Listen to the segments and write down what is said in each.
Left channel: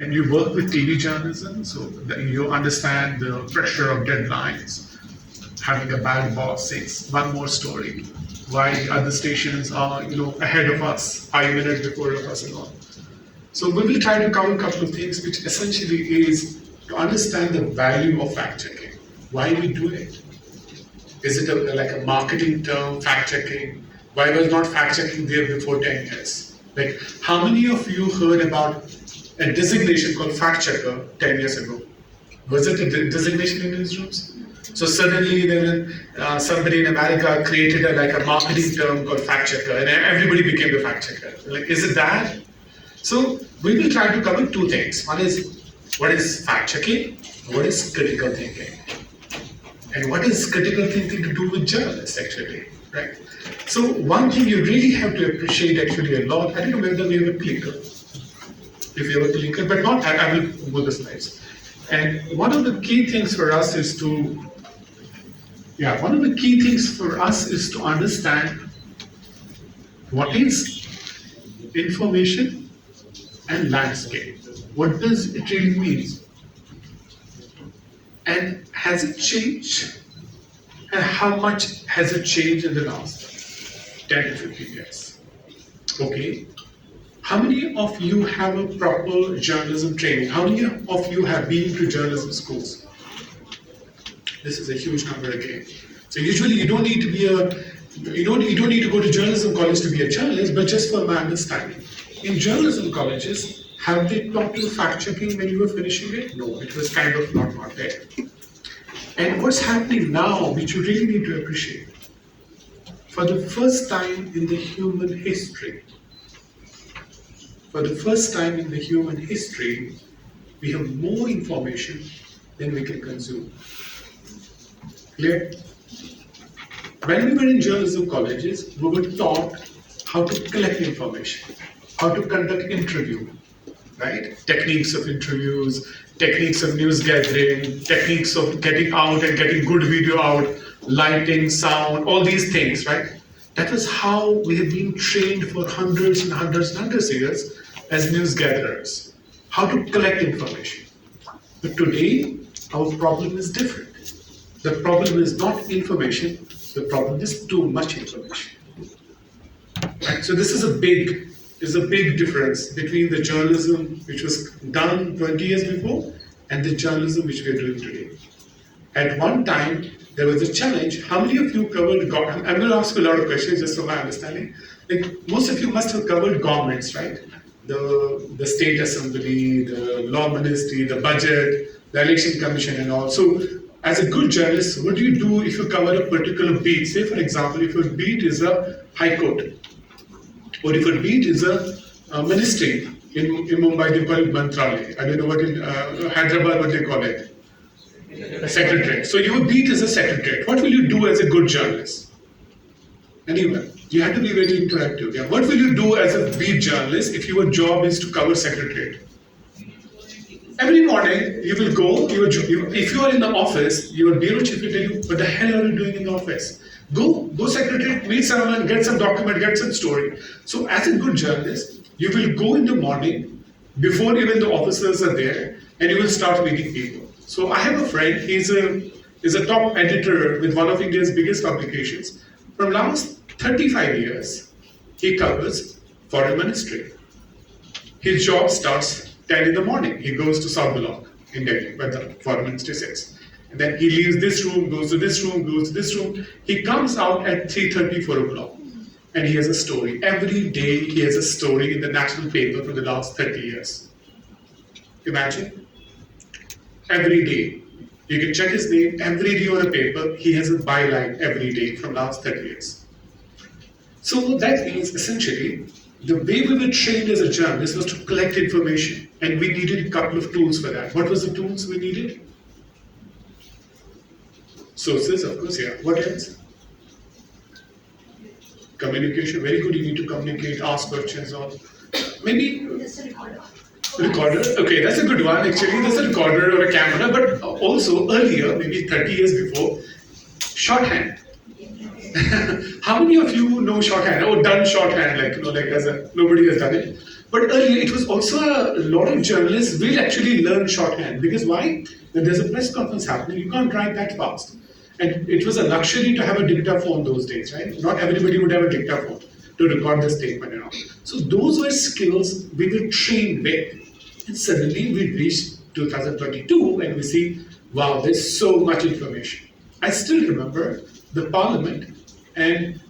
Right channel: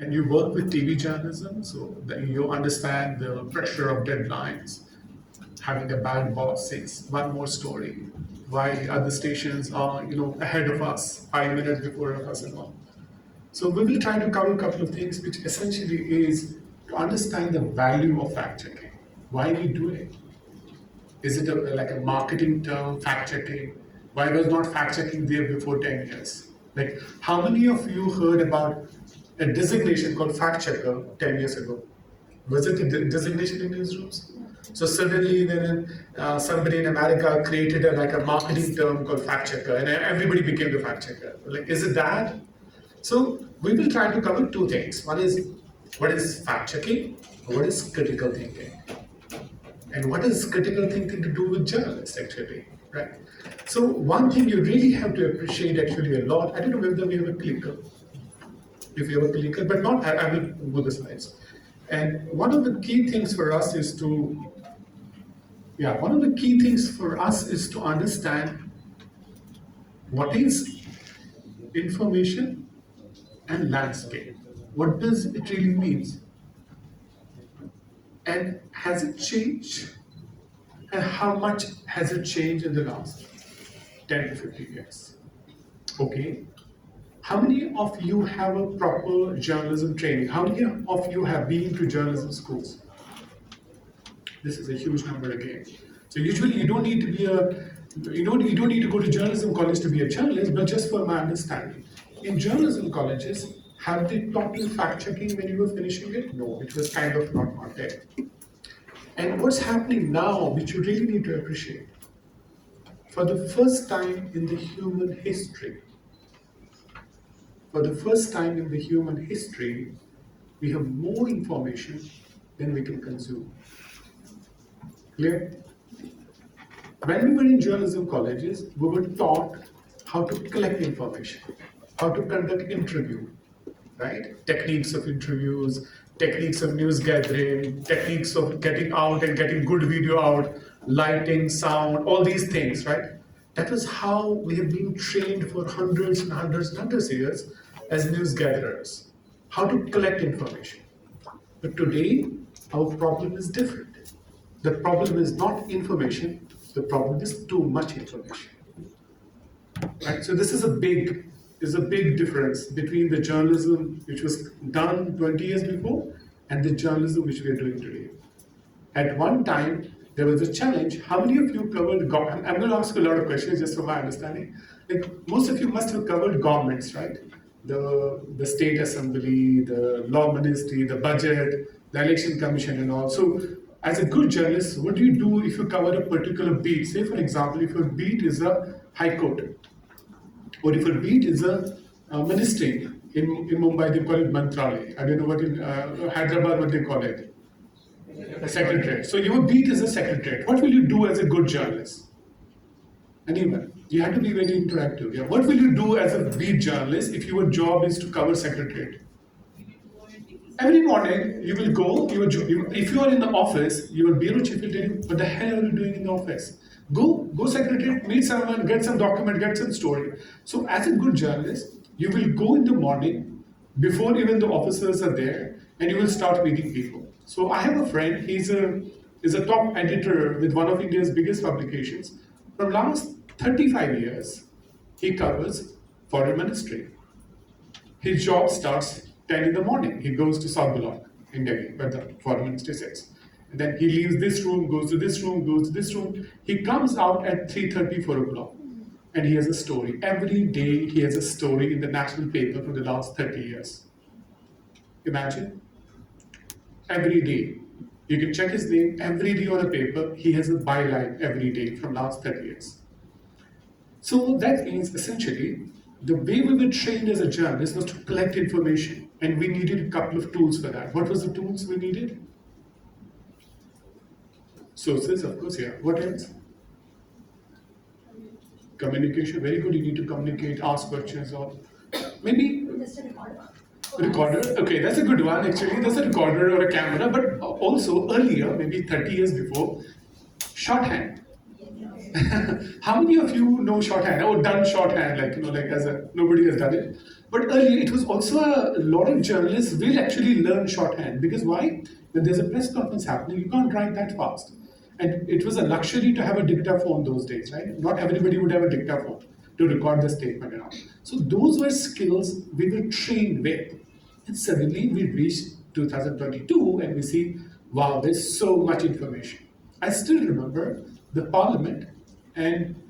and you work with TV journalism, so that you understand the pressure of deadlines. Having a bad boss says one more story, why other stations are ahead of us, 5 minutes before of us and all. So we will try to cover a couple of things, which essentially is to understand the value of fact checking. Why we do it? Is it like a marketing term, fact checking? Why was not fact checking there before 10 years? Like, how many of you heard about a designation called fact checker 10 years ago? Was it a designation in newsrooms? So suddenly then somebody in America created like a marketing term called fact checker, and everybody became a fact checker. Like, is it that? So we will try to cover two things. One is what is fact checking, and what is critical thinking. And what is critical thinking to do with journalists actually, right? So one thing you really have to appreciate actually a lot, I don't know whether we have a clicker, if you have a clicker, but not, I will go the slides. And one of the key things for us is to understand what is information and landscape. What does it really mean? And has it changed? And how much has it changed in the last 10 to 15 years? Okay. How many of you have a proper journalism training? How many of you have been to journalism schools? This is a huge number again. So usually you don't need to go to journalism college to be a journalist, but just for my understanding. In journalism colleges, have they taught you fact checking when you were finishing it? No, it was kind of not there. And what's happening now, which you really need to appreciate, for the first time in the human history, we have more information than we can consume. Clear? When we were in journalism colleges, we were taught how to collect information, how to conduct interview, right? Techniques of interviews, techniques of news gathering, techniques of getting out and getting good video out, lighting, sound, all these things, right? That was how we have been trained for hundreds and hundreds and hundreds of years as news gatherers, how to collect information. But today, our problem is different. The problem is not information, the problem is too much information. Right? So this is a big difference between the journalism which was done 20 years before and the journalism which we are doing today. At one time, there was a challenge. How many of you covered government? I'm going to ask a lot of questions just for my understanding. Like, most of you must have covered governments, right? The state assembly, the law ministry, the budget, the election commission and all. So as a good journalist, what do you do if you cover a particular beat? Say, for example, if your beat is a high court, or if a beat is a ministry. In Mumbai, they call it Mantralaya. I don't know what in Hyderabad, what they call it. A secretariat. So your beat is a secretariat. What will you do as a good journalist? Anyone? You have to be very interactive. Yeah. What will you do as a beat journalist if your job is to cover secretariat? Every morning, you will go, if you are in the office, your bureau chief will tell you, what the hell are you doing in the office? Go secretariat, meet someone, get some document, get some story. So as a good journalist, you will go in the morning, before even the officers are there, and you will start meeting people. So I have a friend, he's a top editor with one of India's biggest publications. From last 35 years, he covers foreign ministry. His job starts 10 in the morning. He goes to South Block in Delhi, where the foreign ministry sits. And then he leaves this room, goes to this room, goes to this room. He comes out at 3:30, 4 o'clock. And he has a story. Every day he has a story in the national paper for the last 30 years. Imagine. Every day. You can check his name. Every day on a paper, he has a byline every day from last 30 years. So that means essentially, the way we were trained as a journalist was to collect information, and we needed a couple of tools for that. What was the tools we needed? Sources, of course, yeah. What else? Communication, very good. You need to communicate, ask questions, or maybe recorder. Okay, that's a good one. Actually, there's a recorder or a camera, but also earlier, maybe 30 years before, shorthand. How many of you know shorthand or done shorthand? Like as nobody has done it. But earlier, it was also a lot of journalists will actually learn shorthand because why? When there's a press conference happening, you can't write that fast. And it was a luxury to have a dictaphone those days, right? Not everybody would have a dictaphone to record the statement and all. So those were skills we were trained with. And suddenly we reached 2022 and we see, wow, there's so much information. I still remember the parliament and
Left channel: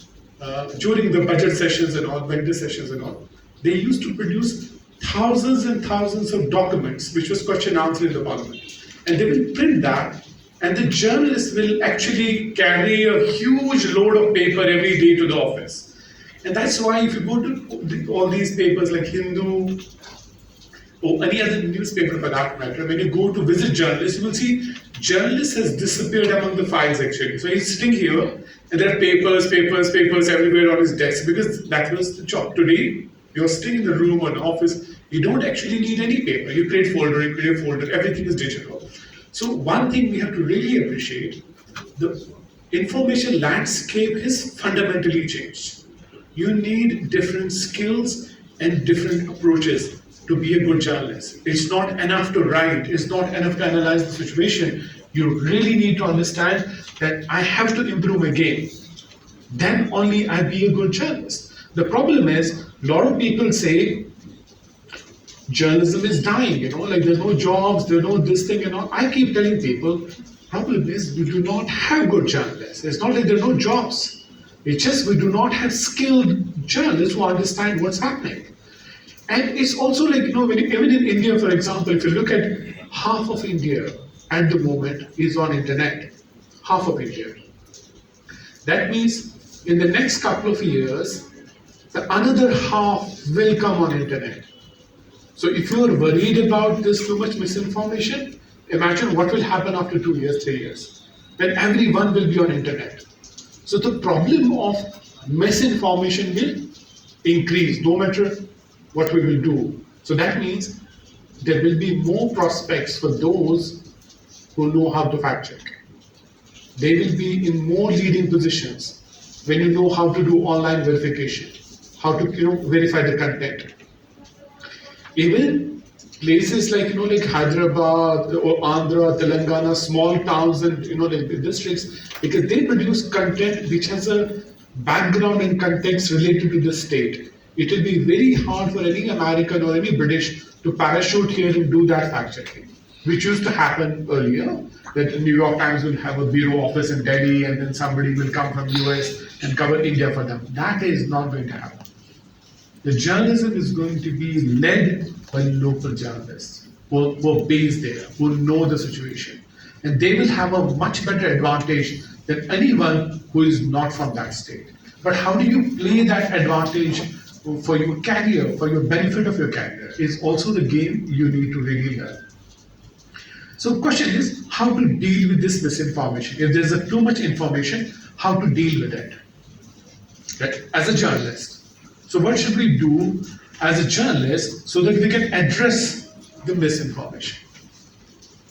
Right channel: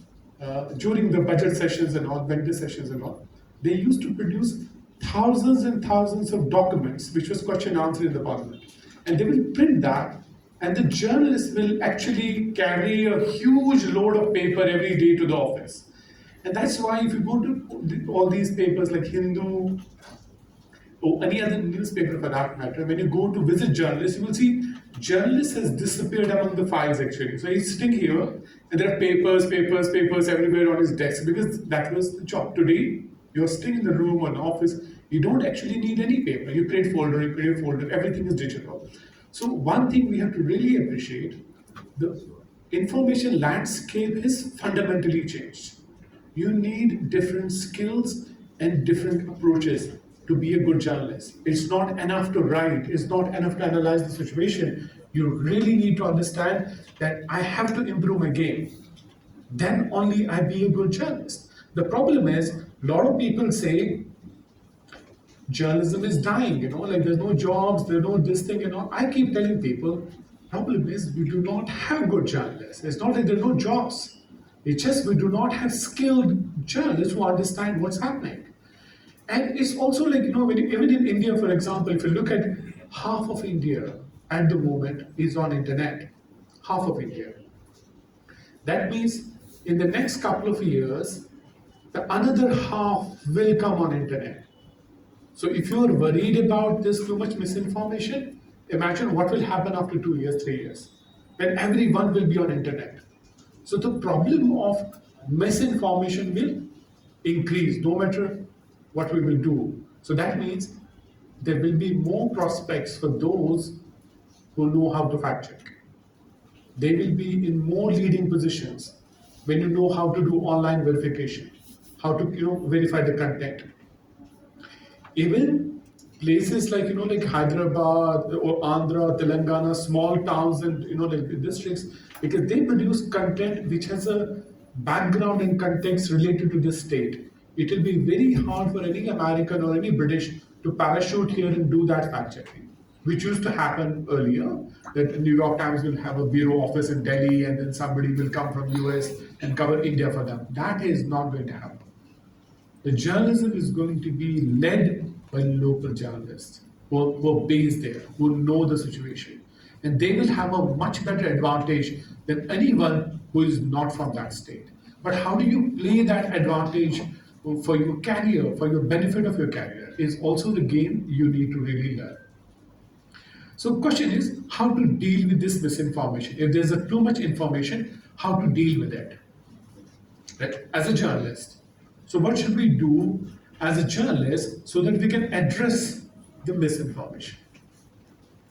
during the budget sessions and all, vendor sessions and all, they used to produce thousands and thousands of documents, which was question answer in the parliament. And they will print that, and the journalists will actually carry a huge load of paper every day to the office. And that's why if you go to all these papers like Hindu or any other newspaper for that matter, when you go to visit journalists, you will see journalist has disappeared among the files actually. So he's sitting here and there are papers everywhere on his desk because that was the job. Today, you're sitting in the room or an office, you don't actually need any paper. You create folder, everything is digital. So one thing we have to really appreciate, the information landscape has fundamentally changed. You need different skills and different approaches to be a good journalist. It's not enough to write, it's not enough to analyze the situation. You really need to understand that I have to improve my game. Then only I be a good journalist. The problem is, a lot of people say journalism is dying, like there's no jobs, there's no this thing, I keep telling people, problem is we do not have good journalists. It's not like there are no jobs. It's just we do not have skilled journalists who understand what's happening. And it's also like, even in India, for example, if you look at half of India at the moment is on internet. Half of India. That means in the next couple of years, the another half will come on internet. So if you're worried about this too much misinformation, imagine what will happen after 2 years, 3 years. Then everyone will be on internet. So the problem of misinformation will increase no matter what we will do. So that means there will be more prospects for those who know how to fact check. They will be in more leading positions when you know how to do online verification, how to verify the content. Even places like like Hyderabad or Andhra, Telangana, small towns and like the districts, because they produce content which has a background and context related to the state. It will be very hard for any American or any British to parachute here and do that fact checking, which used to happen earlier. That the New York Times will have a bureau office in Delhi and then somebody will come from US and cover India for them. That is not going to happen. The journalism is going to be led by local journalists who are based there, who know the situation. And they will have a much better advantage than anyone who is not from that state. But how do you play that advantage for your career, for your benefit of your career, is also the game you need to really learn. So the question is how to deal with this misinformation. If there's too much information, how to deal with it, right? As a journalist. So what should we do as a journalist so that we can address the misinformation?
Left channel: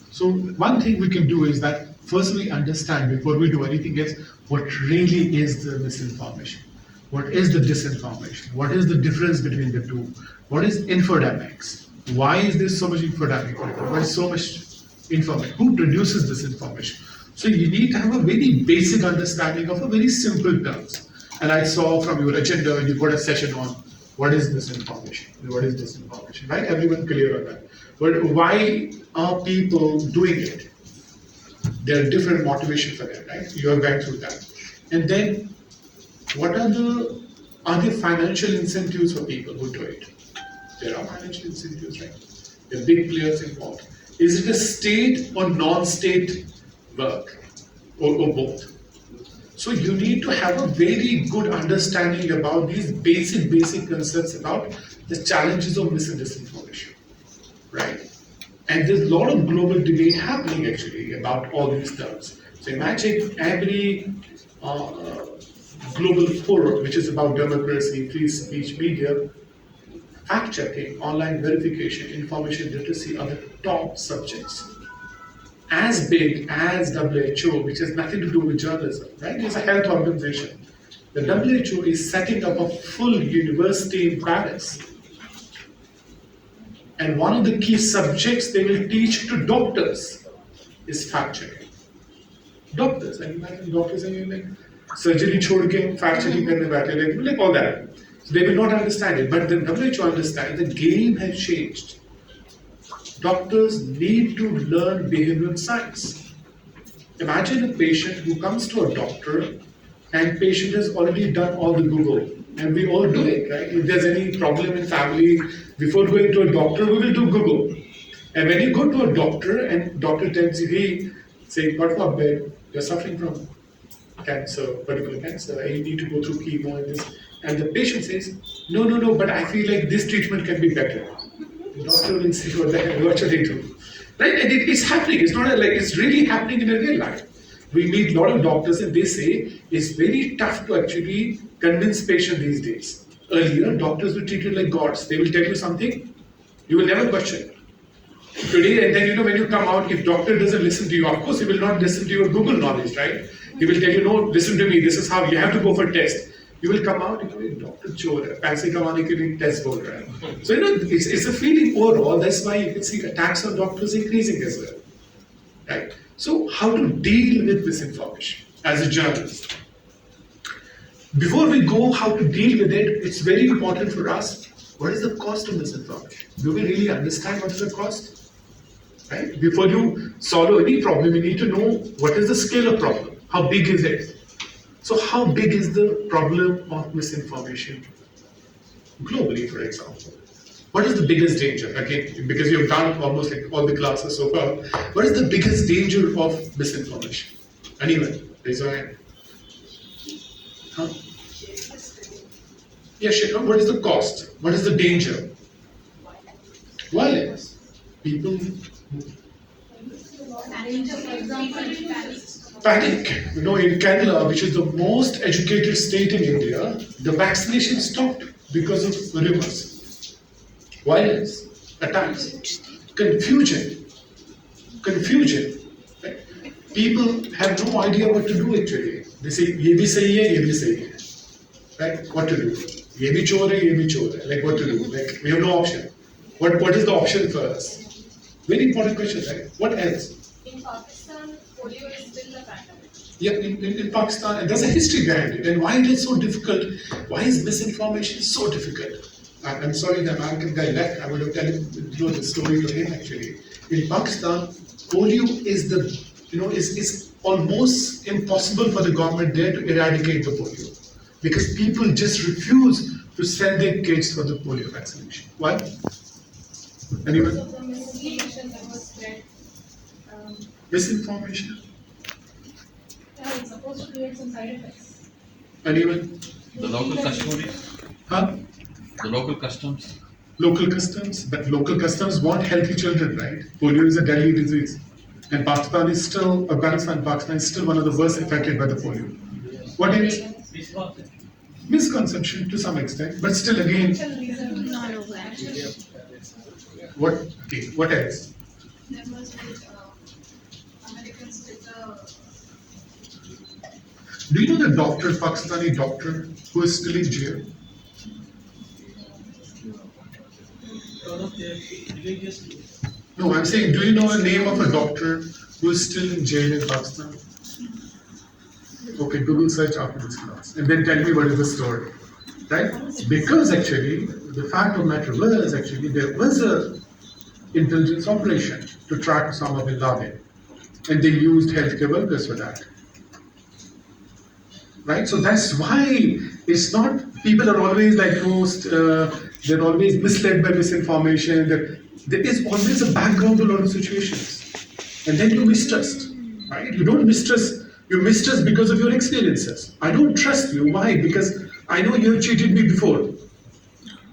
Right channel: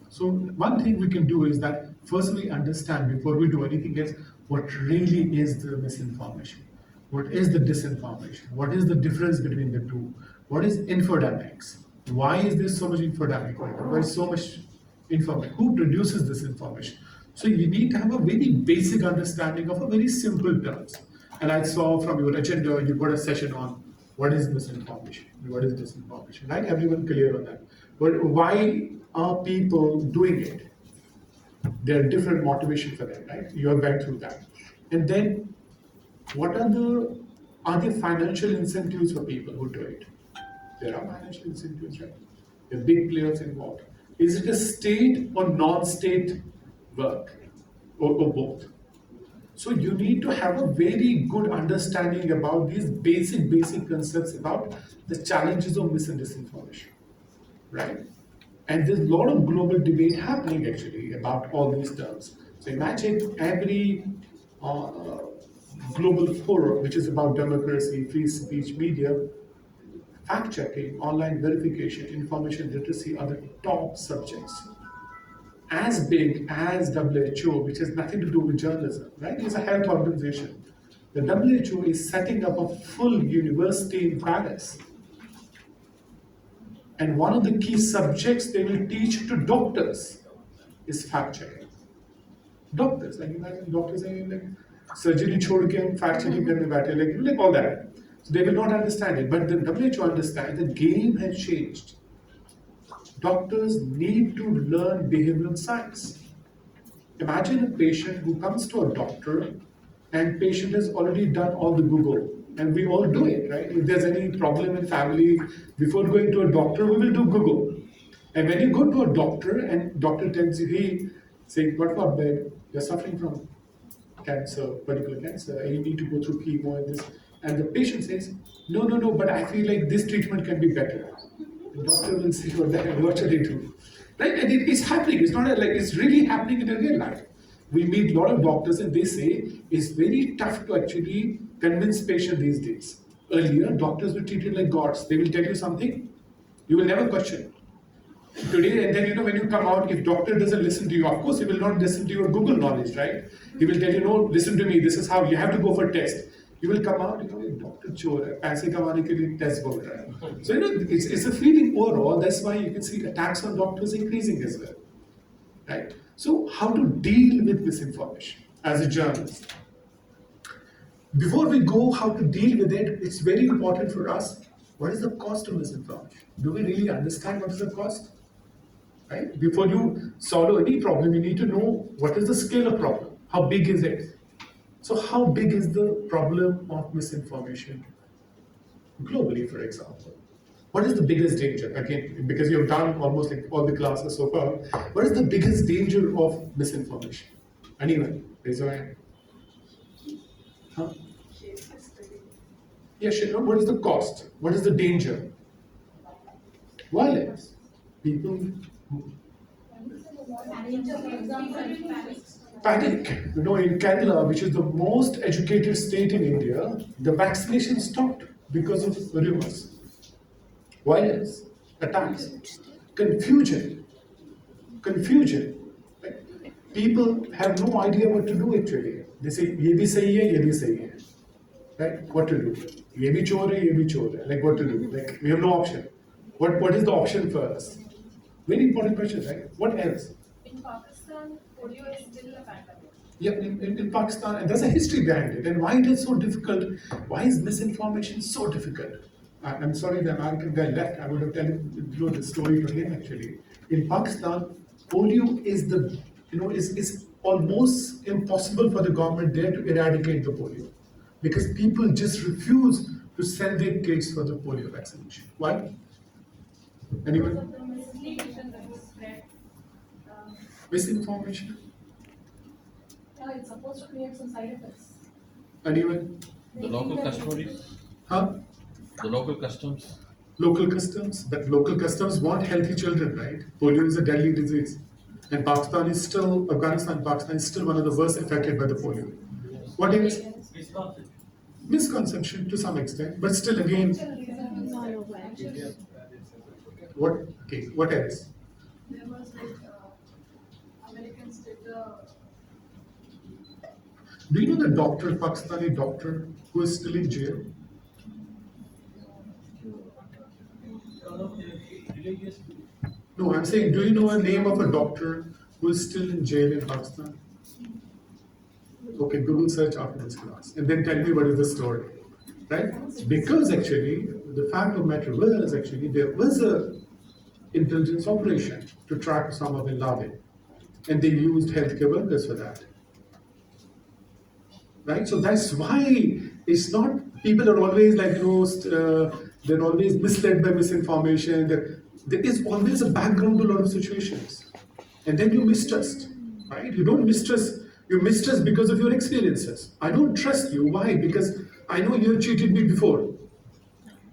So one thing we can do is that first we understand before we do anything is what really is the misinformation. What is the disinformation? What is the difference between the two? What is infodemics? Why is there so much infodemic? Why is so much information? Who produces this information? So you need to have a very basic understanding of a very simple terms. And I saw from your agenda, you got a session on what is misinformation and what is disinformation, right? Everyone clear on that. But why are people doing it? There are different motivations for that, right? You have gone through that. And then what are there financial incentives for people who do it? There are financial incentives, right? There are big players involved. Is it a state or non-state work or both? So you need to have a very good understanding about these basic concepts about the challenges of mis and disinformation, right? And there's a lot of global debate happening actually about all these terms. So imagine every global forum, which is about democracy, free speech, media, fact-checking, online verification, information literacy are the top subjects. As big as WHO, which has nothing to do with journalism, right? It's a health organization. The WHO is setting up a full university in Paris And one of the key subjects they will teach to doctors is fact checking. Doctors, and imagine doctors saying like surgery छोड़ के fact checking करने बैठे, like all that. So they will not understand it, but the WHO understand the game has changed. Doctors need to learn behavioral science. Imagine a patient who comes to a doctor and patient has already done all the Google. And we all do it, right? If there's any problem in family, before going to a doctor, we will do Google. And when you go to a doctor and doctor tells you, hey, say, God forbid, you're suffering from cancer, particular cancer, and you need to go through chemo and this. And the patient says, no, but I feel like this treatment can be better. The doctor will say, what the hell, what should I do? Right? And it's happening. It's not like it's really happening in a real life. We meet a lot of doctors and they say it's very tough to actually convince patients these days. Earlier, doctors were treated like gods. They will tell you something, you will never question. Today, and then when you come out, if doctor doesn't listen to you, of course he will not listen to your Google knowledge, right? He will tell you, no, listen to me, this is how you have to go for test. You will come out, doctor chor hai, paise kamane ke liye test bol raha hai. So it's a feeling overall. That's why you can see attacks on doctors increasing as well, right? So how to deal with misinformation as a journalist? Before we go how to deal with it, it's very important for us. What is the cost of misinformation? Do we really understand what is the cost? Right? Before you solve any problem, you need to know what is the scale of problem. How big is it? So how big is the problem of misinformation globally, for example? What is the biggest danger? Again, because you've done almost like all the classes so far, what is the biggest danger of misinformation? Anyone? Raise your hand. Huh? Yeah, sure. What is the cost? What is the danger? Violence. People panic. In Kerala, which is the most educated state in India, the vaccination stopped because of rumors, violence, attacks, confusion. Right? People have no idea what to do actually. They say, ye bhi sahi hai, ye bhi sahi hai. Right? What to do? Ye bhi chor hai, ye bhi chor hai. Like what to do? Like we have no option. What is the option for us? Very important question, right? What else? In Pakistan, polio is still a pandemic. Yeah, in Pakistan, and there's a history behind it. And why it is so difficult? Why is misinformation so difficult? I'm sorry, the American guy left. I would have told the story to him actually. In Pakistan, polio is is almost impossible for the government there to eradicate the polio because people just refuse to send their kids for the polio vaccination. Why? Anyone? So the misinformation that was spread, Misinformation. it's supposed to create some side effects. Anyone? The local custodians, Huh? the local customs. Local customs, but local customs want healthy children, right? Polio is a deadly disease. And Afghanistan, Pakistan is still one of the worst affected by the polio. What is misconception to some extent, but still again, what? Okay, what else? There was Americans with the Do you know the doctor, Pakistani doctor, who is still in jail? No, I'm saying, do you know a name of a doctor who is still in jail in Pakistan? Okay, Google search after this class, and then tell me what is the story, right? Because actually, the fact of the matter was actually there was a intelligence operation to track Osama bin Laden, and they used healthcare workers for that. Right? So that's why it's not, people are always like, they're always misled by misinformation. There is always a background to a lot of situations. And then you mistrust, right? You don't mistrust, you mistrust because of your experiences. I don't trust you. Why? Because I know you have cheated me before.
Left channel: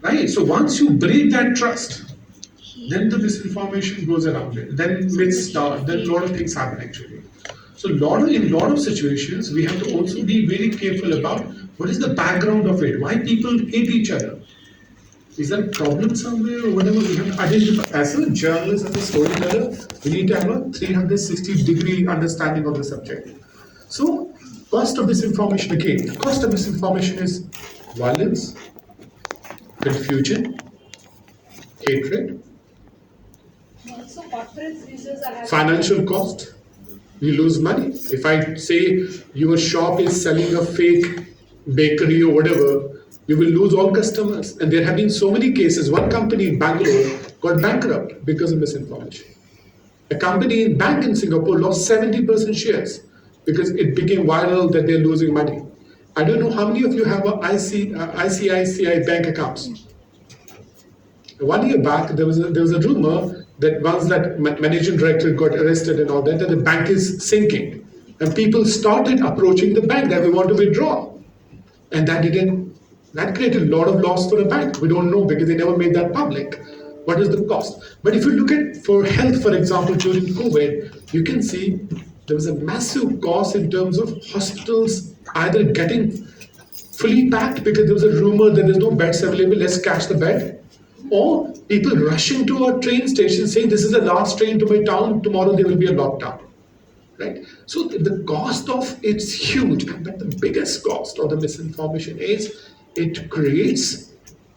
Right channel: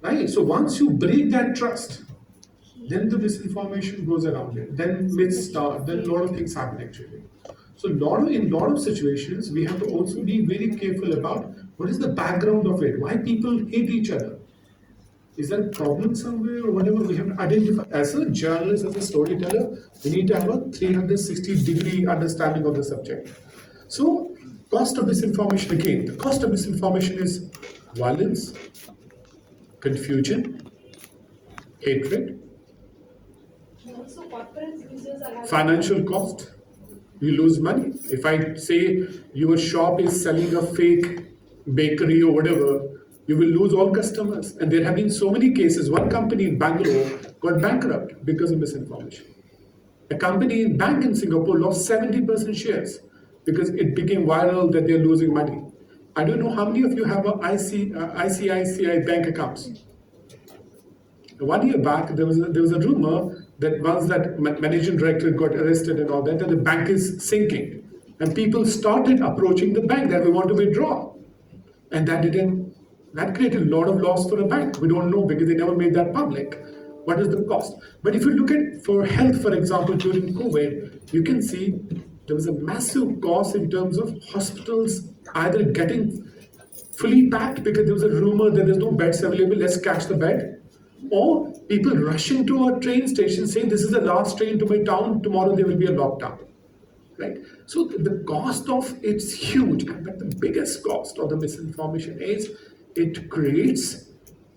Right? So once you break that trust, then the misinformation goes around it. Then myths start, then a lot of things happen actually. So in a lot of situations, we have to also be very careful about what is the background of it, why people hate each other. Is there a problem somewhere or whatever? We have to identify. As a journalist, as a storyteller, we need to have a 360-degree understanding of the subject. So, cost of misinformation again. The cost of misinformation is violence, confusion, hatred, So corporate users are having. Financial cost. You lose money. If I say your shop is selling a fake bakery or whatever, you will lose all customers. And there have been so many cases. One company in Bangalore got bankrupt because of misinformation. A company in bank in Singapore lost 70% shares because it became viral that they're losing money. I don't know how many of you have a ICICI bank accounts. 1 year back, there was a rumor that once that managing director got arrested and all that, the bank is sinking. And people started approaching the bank that we want to withdraw. And that created a lot of loss for the bank. We don't know because they never made that public. What is the cost? But if you look at for health, for example, during COVID, you can see there was a massive cost in terms of hospitals either getting fully packed because there was a rumor that there's no beds available, let's catch the bed. Or people rushing to a train station saying this is the last train to my town, tomorrow there will be a lockdown. Right? So the cost of it's huge, but the biggest cost of the misinformation is it creates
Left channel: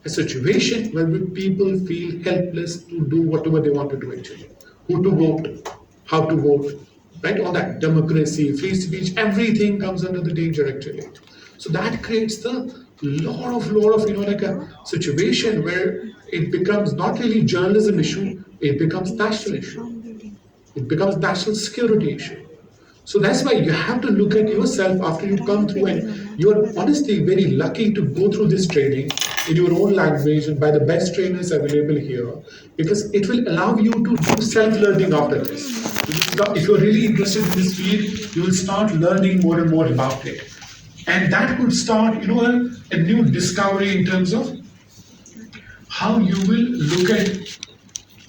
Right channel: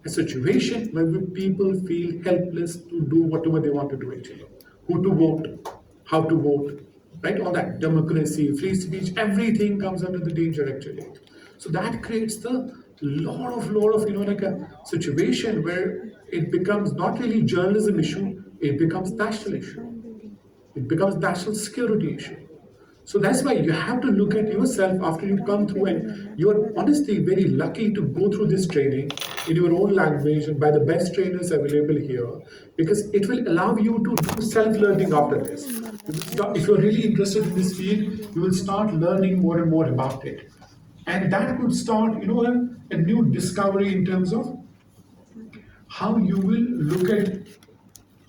a situation where people feel helpless to do whatever they want to do actually. Who to vote, how to vote, right? All that democracy, free speech, everything comes under the danger actually. So that creates the lot of like a situation where it becomes not really journalism issue, it becomes national issue. It becomes national security issue. So that's why you have to look at yourself after you come through, and you are honestly very lucky to go through this training in your own language and by the best trainers available here, because it will allow you to do self-learning after this. If you're really interested in this field, you will start learning more and more about it. And that could start, a new discovery in terms of how you will look at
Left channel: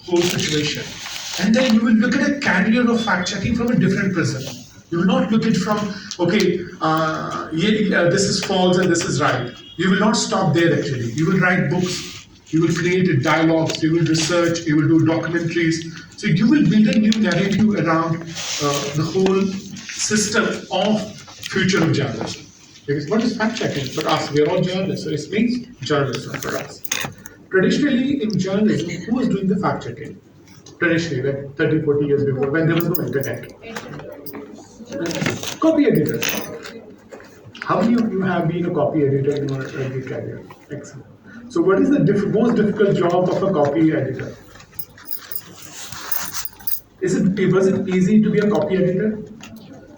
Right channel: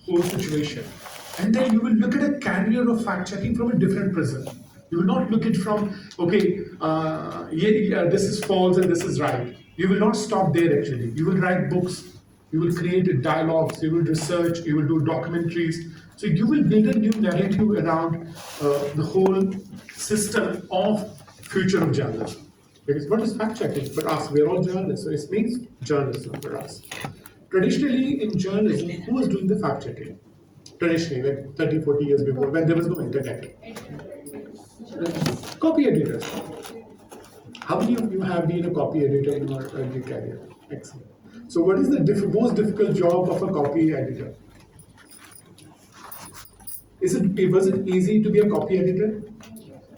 whole situation. And then you will look at a career of fact checking from a different prism. You will not look at from, okay, this is false and this is right. You will not stop there actually. You will write books, you will create dialogues, you will research, you will do documentaries. So you will build a new narrative around the whole system of future of journalism. Because what is fact checking? For us, we are all journalists, so it means journalism for us. Traditionally in journalism, who was doing the fact checking? Traditionally, like 30, 40 years before, when there was no internet. Copy editor. How many of you have been a copy editor in your early career? Excellent. So what is the most difficult job of a copy editor? Was it easy to be a copy editor?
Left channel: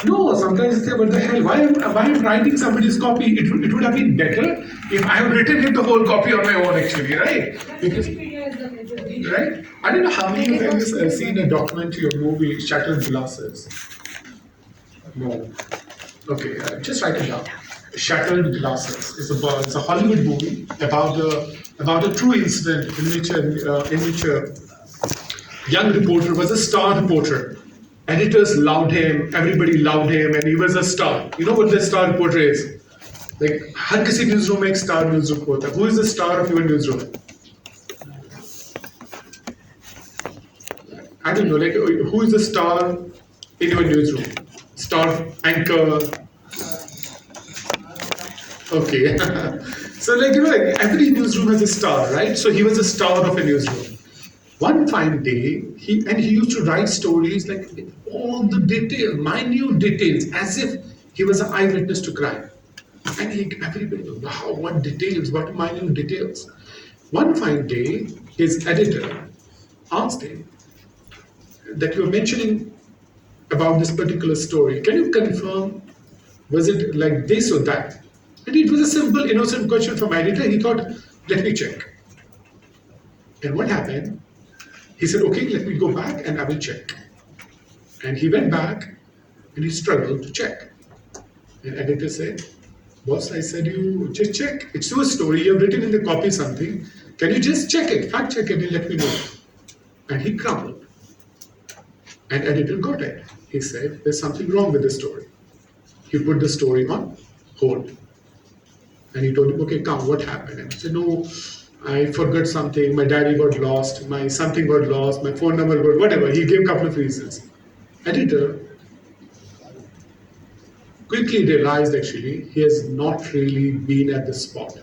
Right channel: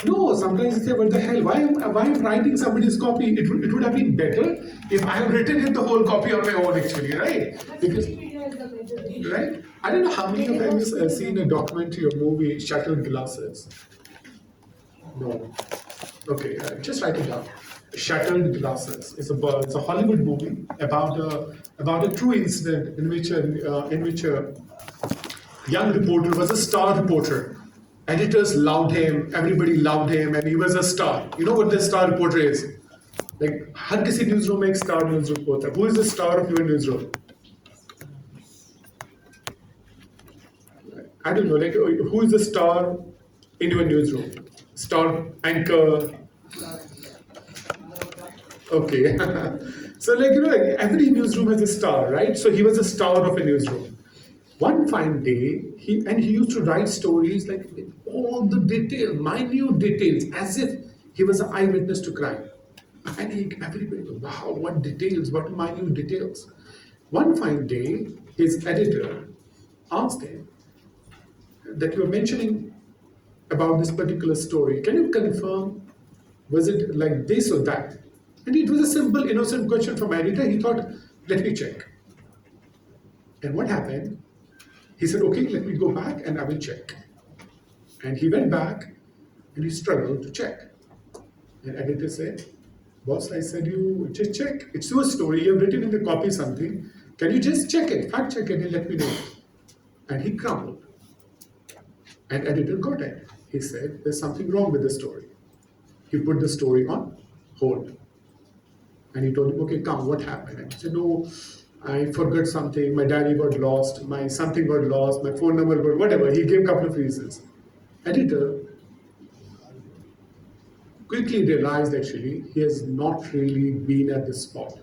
No, sometimes you say, what the hell, why am writing somebody's copy? It would have been better if I had written it the whole copy on my own actually, right? Because, right? I don't know how many of you have seen a documentary or movie, Shattered Glasses. No. Okay, just write it down. Shattered Glasses. It's a Hollywood movie about a true incident in which a young reporter was a star reporter. Editors loved him, everybody loved him, and he was a star. You know what the star reporter is? Like, हर किसी newsroom में एक star news reporter. Who is the star of your newsroom? I don't know, like, who is the star in your newsroom? Star anchor. Okay. So, like, every newsroom has a star, right? So he was a star of a newsroom. One fine day, he used to write stories like with all the details, minute details, as if he was an eyewitness to crime. And everybody goes, wow, what details, what minute details. One fine day, his editor asked him that you were mentioning about this particular story. Can you confirm, was it like this or that? And it was a simple, innocent question from my editor. He thought, let me check. And what happened? He said, okay, let me go back and I will check. And he went back and he struggled to check. And editor said, boss, I said, you just check. It's your story. You've written in the copy something. Can you just check it, fact check it and let me know? And he crumbled. And editor got it. He said, there's something wrong with the story. He put the story on hold. And he told him, okay, come, what happened? And he said, no, I forgot something, my diary got lost, my something got lost, my phone number got whatever. He gave a couple of reasons. Editor quickly realized actually he has not really been at the spot.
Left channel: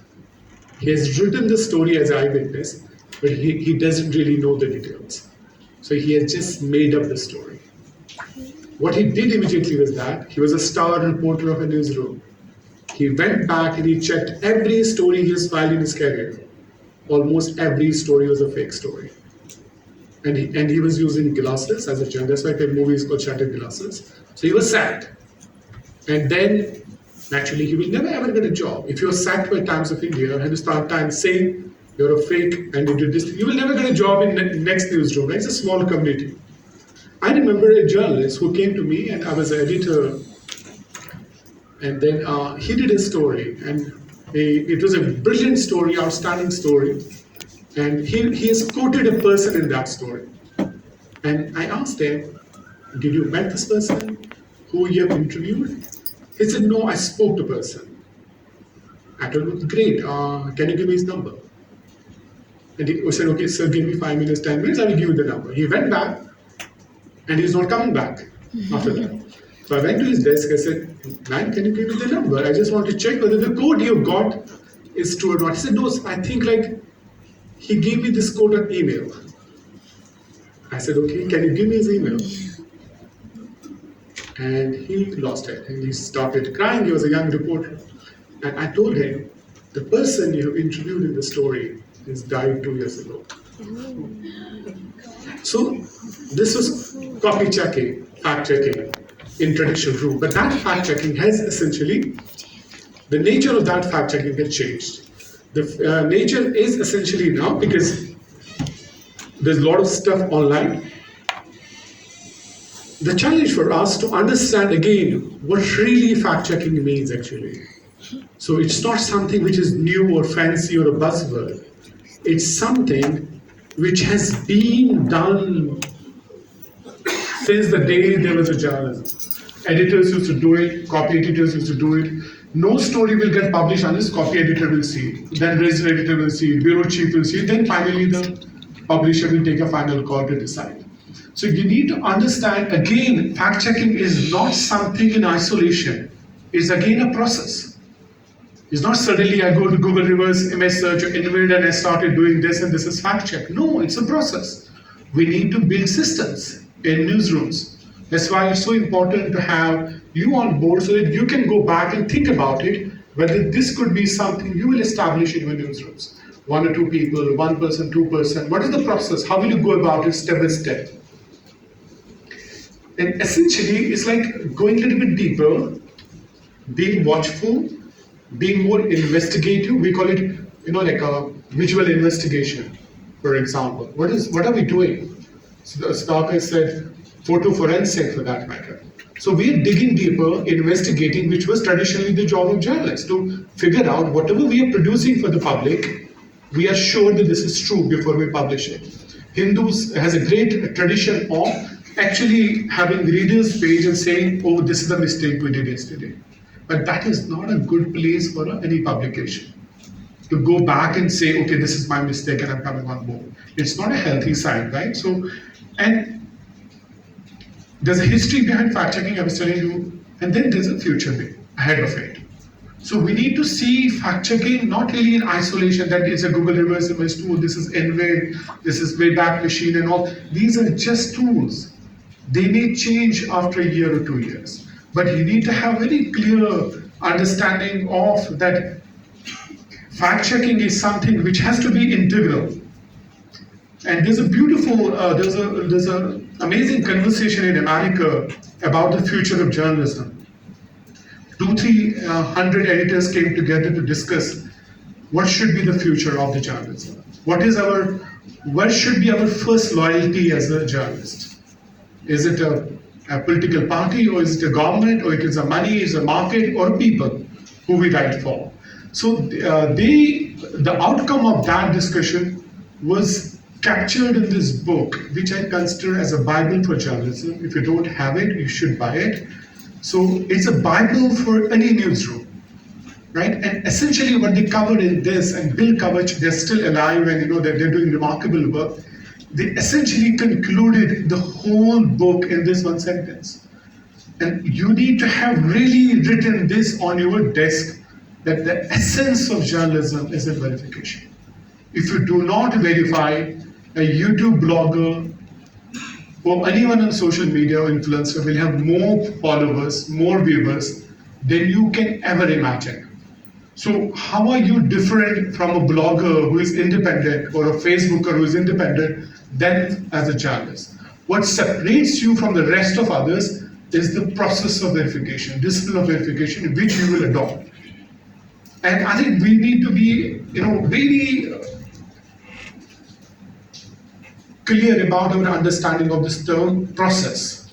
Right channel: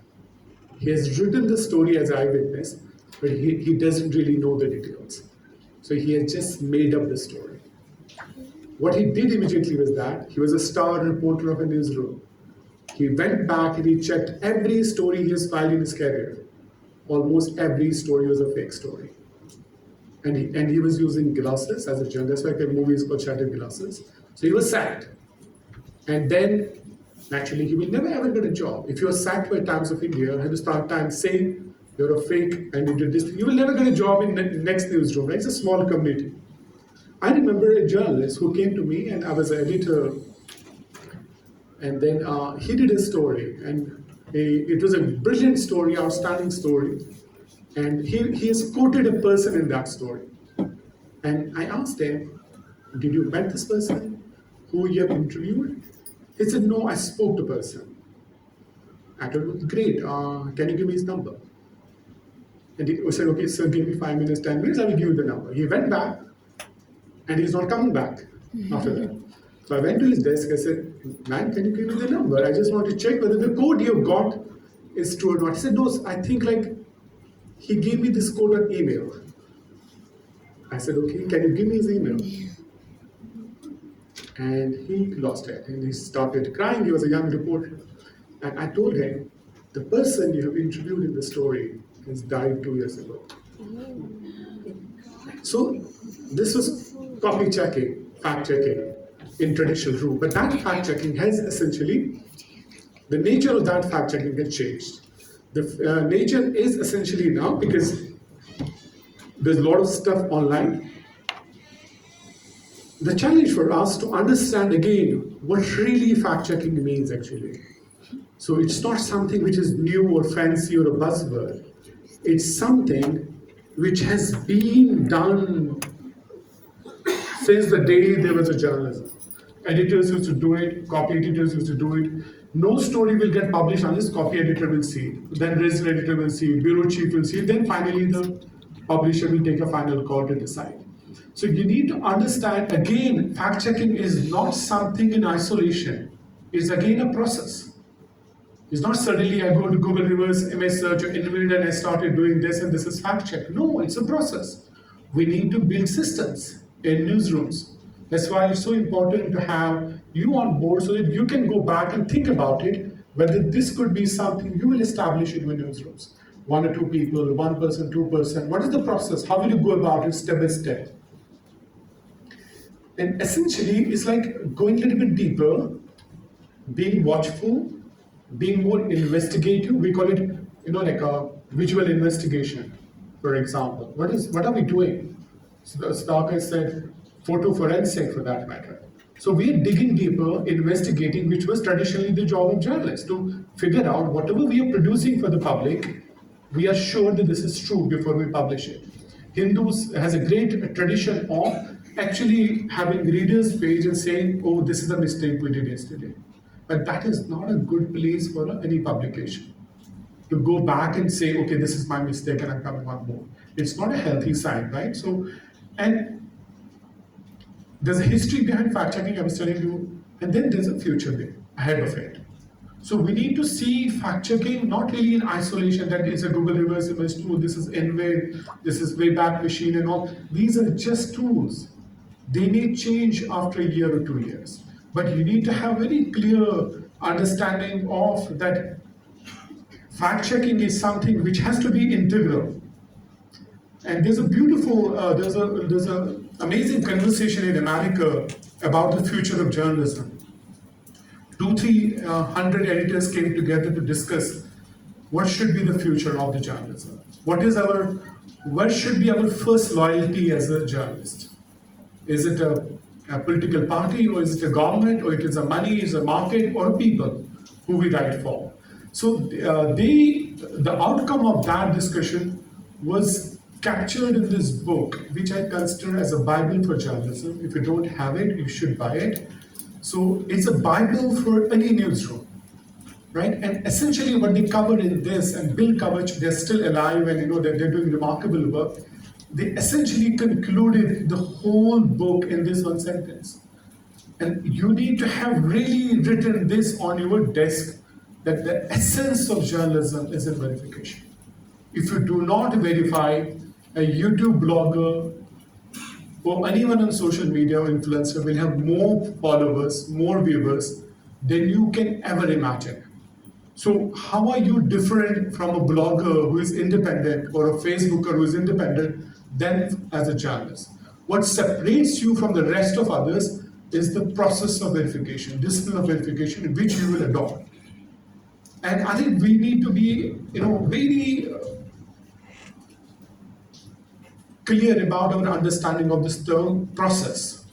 He has written the story as eyewitness, but he doesn't really know the details. So he had just made up the story. What he did immediately was that he was a star reporter of a newsroom. He went back and he checked every story he has filed in his career. Almost every story was a fake story. And he was using glasses as a journalist, like the movies called Shattered Glasses. So he was sacked. And then, naturally, he will never ever get a job. If you're sacked by Times of India, Hindustan Times saying you're a fake and you did this, you will never get a job in the next newsroom. Right? It's a small community. I remember a journalist who came to me, and I was an editor, and then he did a story, and it was a brilliant story, outstanding story, and he has quoted a person in that story. And I asked him, did you met this person who you have interviewed? He said, no, I spoke to the person. I told him, great, can you give me his number? And he said, okay, sir, give me 5 minutes, 10 minutes, I will give you the number. He went back, and he's not coming back after that. So I went to his desk, I said, man, can you give me the number? I just want to check whether the code you got is true or not. He said, no, I think like he gave me this code on email. I said, okay, can you give me his email? And he lost it, and he started crying. He was a young reporter. And I told him, the person you interviewed in the story has died 2 years ago. So this was copy checking, fact checking in traditional route. But that fact checking has essentially, the nature of that fact checking has changed. The nature is essentially now, because there's a lot of stuff online. The challenge for us to understand again what really fact checking means actually. So it's not something which is new or fancy or a buzzword. It's something which has been done since the day there was a journalism. Editors used to do it, copy editors used to do it. No story will get published unless copy editor will see it. Then resident editor will see it, bureau chief will see it, then finally the publisher will take a final call to decide. So you need to understand, again, fact checking is not something in isolation. It's again a process. It's not suddenly I go to Google reverse image search or invade and I started doing this and this is fact check. No, it's a process. We need to build systems in newsrooms. That's why it's so important to have you on board so that you can go back and think about it, whether this could be something you will establish in your newsrooms. 1 or 2 people, 1 person, 2 person. What is the process? How will you go about it step by step? And essentially, it's like going a little bit deeper, being watchful, being more investigative. We call it, like a visual investigation, for example. What are we doing? So the Starker said, photo forensic for that matter. So we're digging deeper, investigating, which was traditionally the job of journalists, to figure out whatever we are producing for the public, we are sure that this is true before we publish it. Hindus has a great tradition of actually having readers page and saying, oh, this is a mistake we did yesterday. But that is not a good place for any publication. To go back and say, okay, this is my mistake and I'm coming on board. It's not a healthy sign, right? So, and there's a history behind fact checking, I was telling you, and then there's a future ahead of it. So we need to see fact checking not really in isolation, that is a Google reverse image tool, this is Invade, this is Wayback Machine and all. These are just tools. They may change after a year or 2 years. But you need to have very clear understanding of that fact checking is something which has to be integral. And there's a beautiful, there's an amazing conversation in America about the future of journalism. 200-300 editors came together to discuss what should be the future of the journalism. What should be our first loyalty as a journalist? Is it a political party, or is it a government, or it is a money, is a market, or people who we write for? So the outcome of that discussion was captured in this book, which I consider as a Bible for journalism. If you don't have it, you should buy it. So it's a Bible for any newsroom, right? And essentially what they covered in this, and Bill Kavach, they're still alive and they're doing remarkable work. They essentially concluded the whole book in this one sentence. And you need to have really written this on your desk, that the essence of journalism is a verification. If you do not verify, a YouTube blogger for anyone on social media or influencer will have more followers, more viewers than you can ever imagine. So how are you different from a blogger who is independent or a Facebooker who is independent than as a journalist? What separates you from the rest of others is the process of verification, discipline of verification, which you will adopt. And I think we need to be, very clear about our understanding of this term process.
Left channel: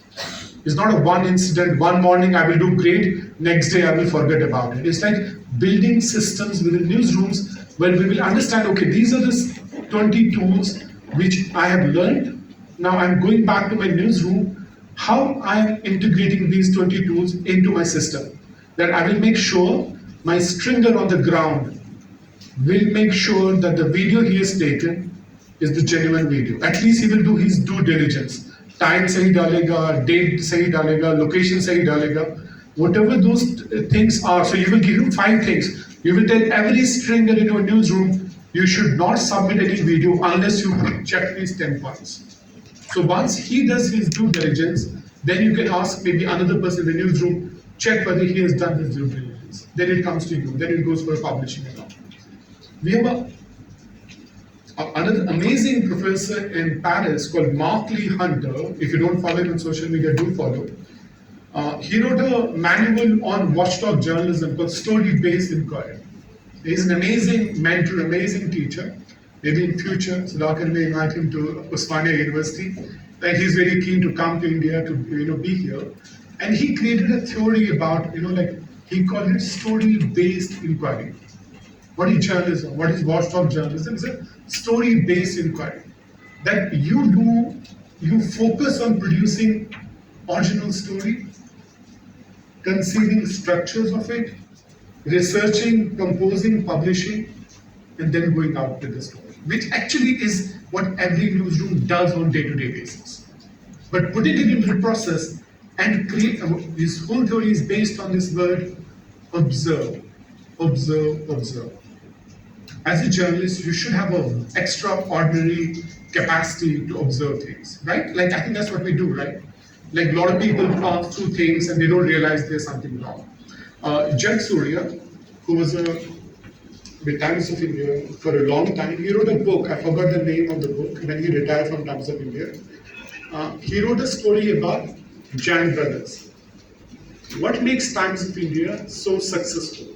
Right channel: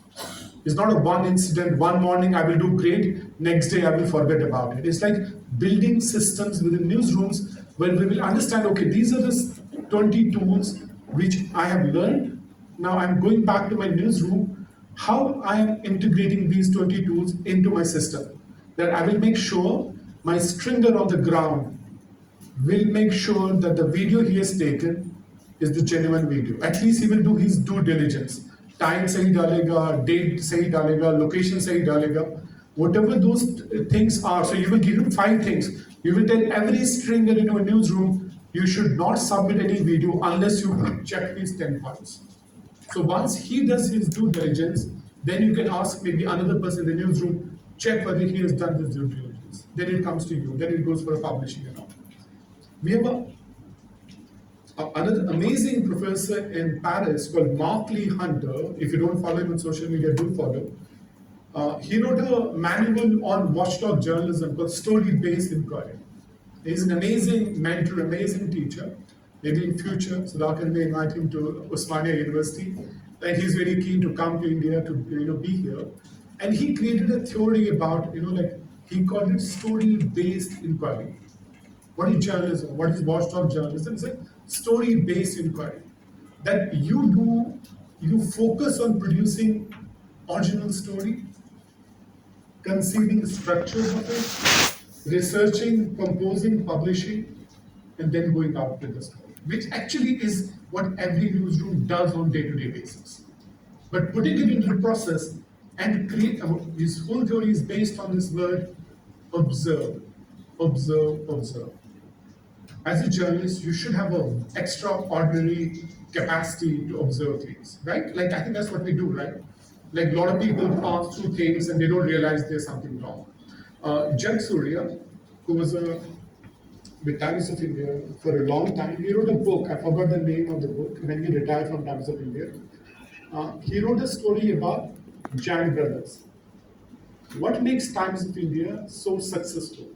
It's not a one incident, one morning I will do great, next day I will forget about it. It's like building systems within newsrooms where we will understand, okay, these are the 20 tools which I have learned. Now I'm going back to my newsroom, how I'm integrating these 20 tools into my system. That I will make sure my stringer on the ground will make sure that the video he has taken is the genuine video. At least he will do his due diligence. Time sahi dalega, date sahi dalega, location sahi dalega. Whatever those things are, so you will give him 5 things. You will tell every stringer in your newsroom, you should not submit any video unless you check these 10 points. So once he does his due diligence, then you can ask maybe another person in the newsroom, check whether he has done his due diligence. Then it comes to you, then it goes for publishing and all. We have another amazing professor in Paris called Mark Lee Hunter. If you don't follow him on social media, do follow. He wrote a manual on watchdog journalism called Story-Based Inquiry. He's an amazing mentor, amazing teacher. Maybe in future, Sudhakar may invite him to Osmania University. And he's very keen to come to India to be here. And he created a theory about, he called it story-based inquiry. What is journalism? What is watchdog journalism? It's a story-based inquiry. That you focus on producing original story, conceiving structures of it, researching, composing, publishing, and then going out with the story, which actually is what every newsroom does on day-to-day basis. But putting it into the process and create, this whole theory is based on this word, observe, observe, observe. As a journalist, you should have an extraordinary capacity to observe things, right? Like, I think that's what we do, right? Like, a lot of people pass through things and they don't realize there's something wrong. Jack Surya, who was with Times of India for a long time, he wrote a book. I forgot the name of the book when he retired from Times of India. He wrote a story about Jan Brothers. What makes Times of India so successful,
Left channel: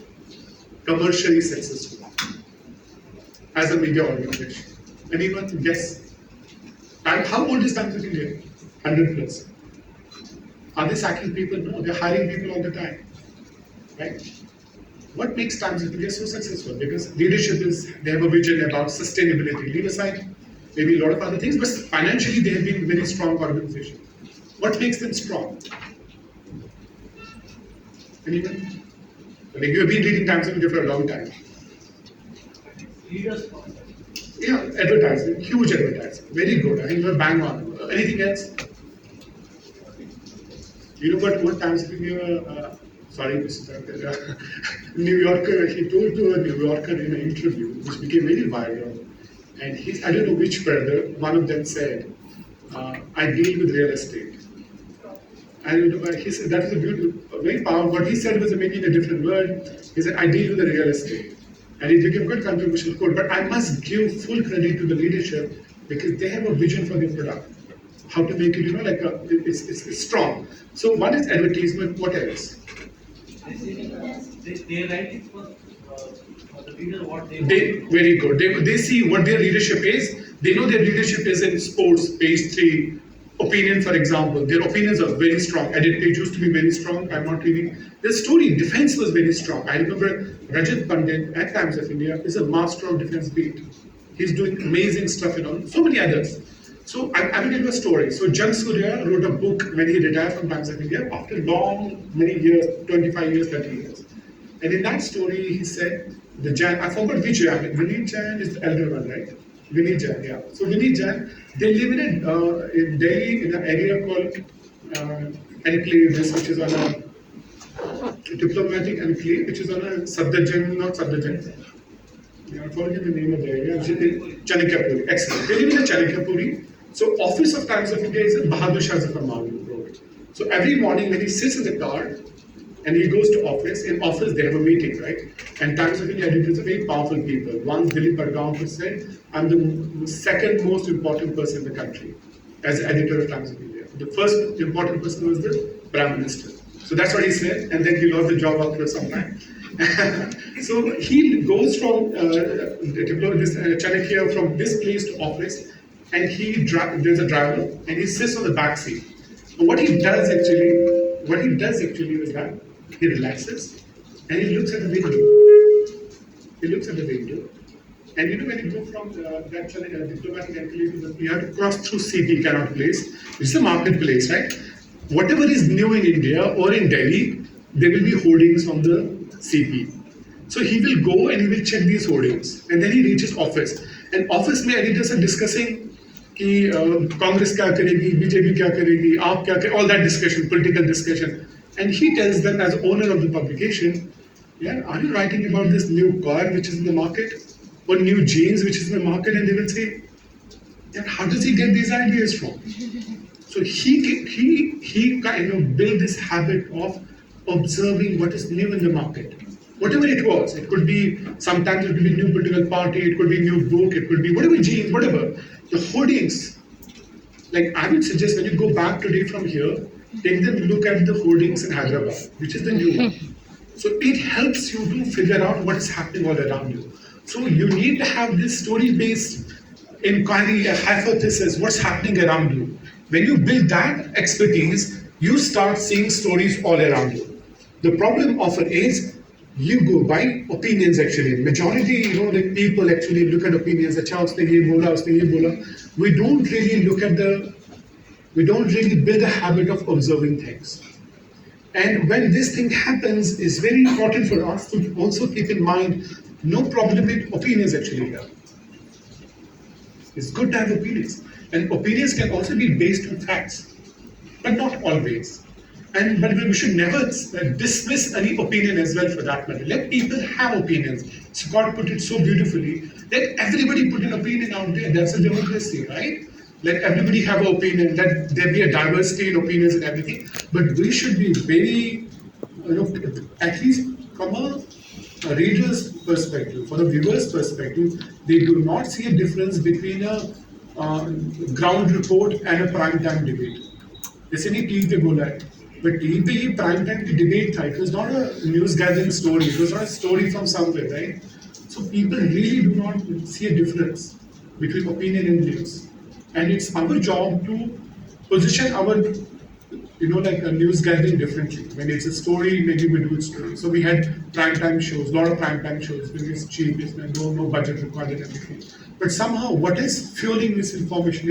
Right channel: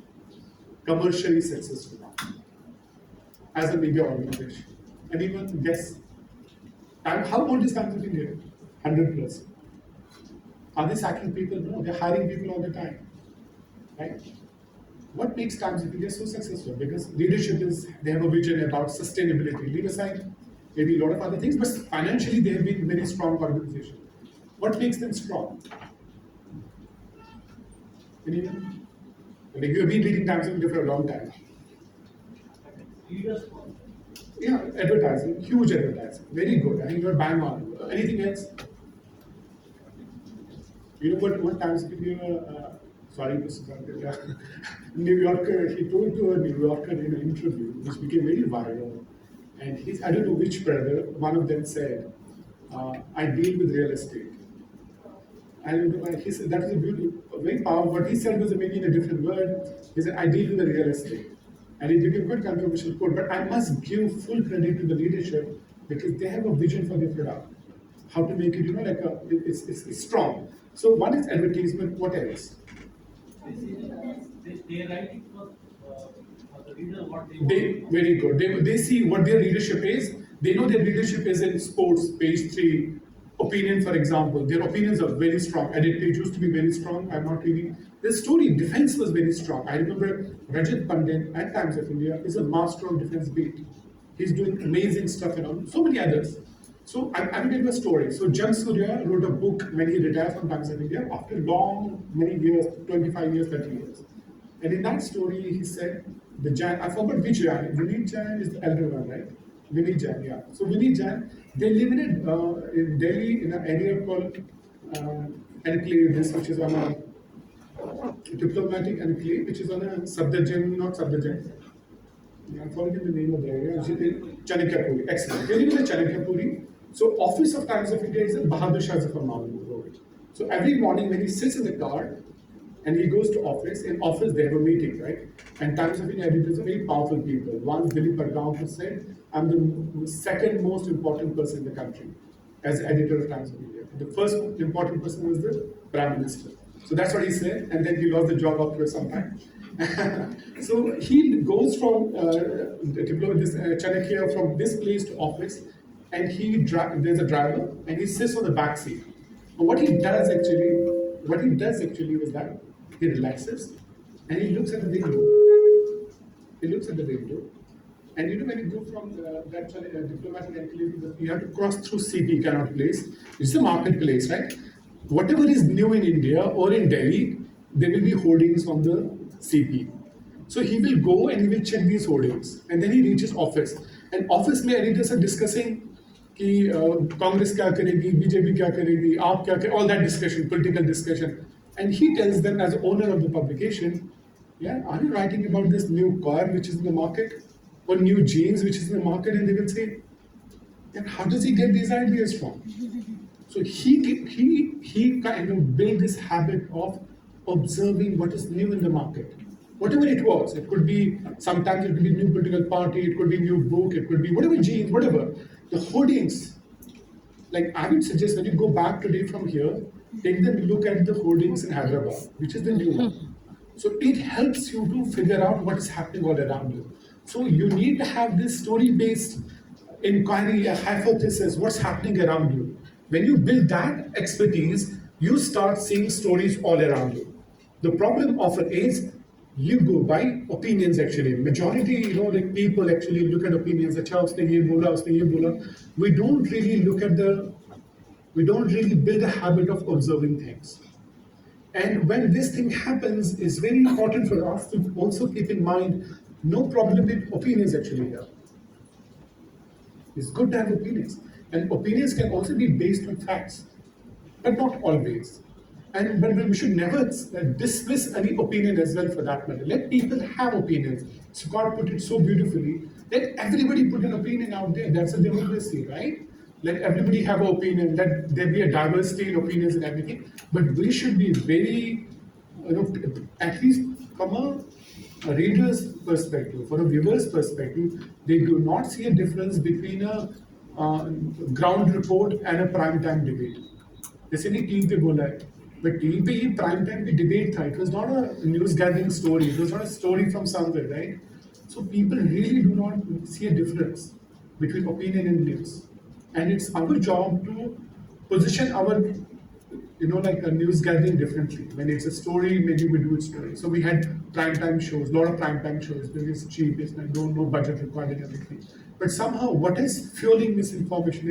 commercially successful, as a media organization? Anyone guess? And how old is Times of India? 100 plus. Are they sacking people? No, they're hiring people all the time, right? What makes Times of India so successful? Because leadership they have a vision about sustainability. Leave aside maybe a lot of other things, but financially they have been a very strong organization. What makes them strong? Anyone? I mean, you have been reading Times of India for a long time. Yeah, advertising, huge advertising, very good. I think you're bang on. Anything else? You know what Times of India, sorry, Mr. New Yorker, he told to a New Yorker in an interview, which became very viral, and I don't know which brother, one of them said, I deal with real estate. And he said, that is a beautiful, very powerful, what he said was maybe in a different word. He said, I deal with the real estate. And it became good controversial quote, but I must give full credit to the leadership because they have a vision for their product. How to make it, it's strong. So one is advertisement, what else? They write it for the reader what they want. Very good. They see what their leadership is. They know their leadership is in sports, page 3. Opinion, for example. Their opinions are very strong. Edit page used to be very strong. I'm not reading. The story, defense was very strong. I remember Rajat Pandit at Times of India is a master of defense beat. He's doing amazing stuff, so many others. So I will tell you a story. So Jack Surya wrote a book when he retired from Times of India after many years, 25 years, 30 years. And in that story, he said, I forgot which Jan, Vinny Jan is the elder one, right? Vinny Jan, yeah. So Vinny Jan, they live in Delhi in an area called enclave, which is on a diplomatic enclave, which is on a not Sabdajan. I forget the name of the area. Chanakyapuri. Excellent. They live in Chanakyapuri. So Office of Times of India is a Bahadur Shah Zafar Mahmud wrote. So every morning when he sits in the car and he goes to office, in office they have a meeting, right? And Times of India editors are very powerful people. Once Dilip Pargaonkar said, I'm the second most important person in the country as editor of Times of India. The first important person was the Prime Minister. So that's what he said, and then he lost the job after some time. So he goes from Chanakya from this place to office, and there's a driver, and he sits on the back seat. And what he does actually is that he relaxes, and he looks at the window. He looks at the window, and you know when you go from that diplomatic enclave to you have to cross through CP Cannot Place. It's a marketplace, right? Whatever is new in India or in Delhi, there will be hoardings on the CP. So he will go and he will check these hoardings, and then he reaches office. And office में editors are discussing कि Congress क्या करेगी, BJP क्या करेगी, आप क्या करें, all that discussion, political discussion. And he tells them as owner of the publication, yeah, are you writing about this new car which is in the market, or new jeans which is in the market? And they will say, and how does he get these ideas from? So he kind of built this habit of observing what is new in the market. Whatever it was, it could be, sometimes it could be new political party, it could be new book, it could be whatever jeans, whatever. The hoardings, like I would suggest when you go back today from here, take them look at the hoardings in Hyderabad, which is the new one. So it helps you to figure out what is happening all around you. So you need to have this story-based inquiry, a hypothesis, what's happening around you. When you build that expertise, you start seeing stories all around you. The problem often is you go by opinions actually. Majority, like people actually look at opinions. अच्छा उसने ये बोला, उसने ये बोला. We don't really build a habit of observing things. And when this thing happens, it's very important for us to also keep in mind no problem with opinions actually here. It's good to have opinions. And opinions can also be based on facts, but not always. But we should never dismiss any opinion as well for that matter. Let people have opinions. Scott put it so beautifully. Let everybody put an opinion out there. That's a democracy, right? Let everybody have an opinion. Let there be a diversity in opinions and everything. But we should be very, at least from a reader's perspective, for a viewer's perspective, they do not see a difference between a ground report and a prime time debate. जैसे नहीं TV पे बोला है, but TV पे ये prime time की debate था. It was not a news gathering story. It was not a story from somewhere, right? So people really do not see a difference between opinion and news, and it's our job to position our, like a news gathering differently. When it's a story, maybe we do it story. So we had prime time shows, a lot of prime time shows because it's cheap, it's no budget required and everything. But somehow, what is fueling misinformation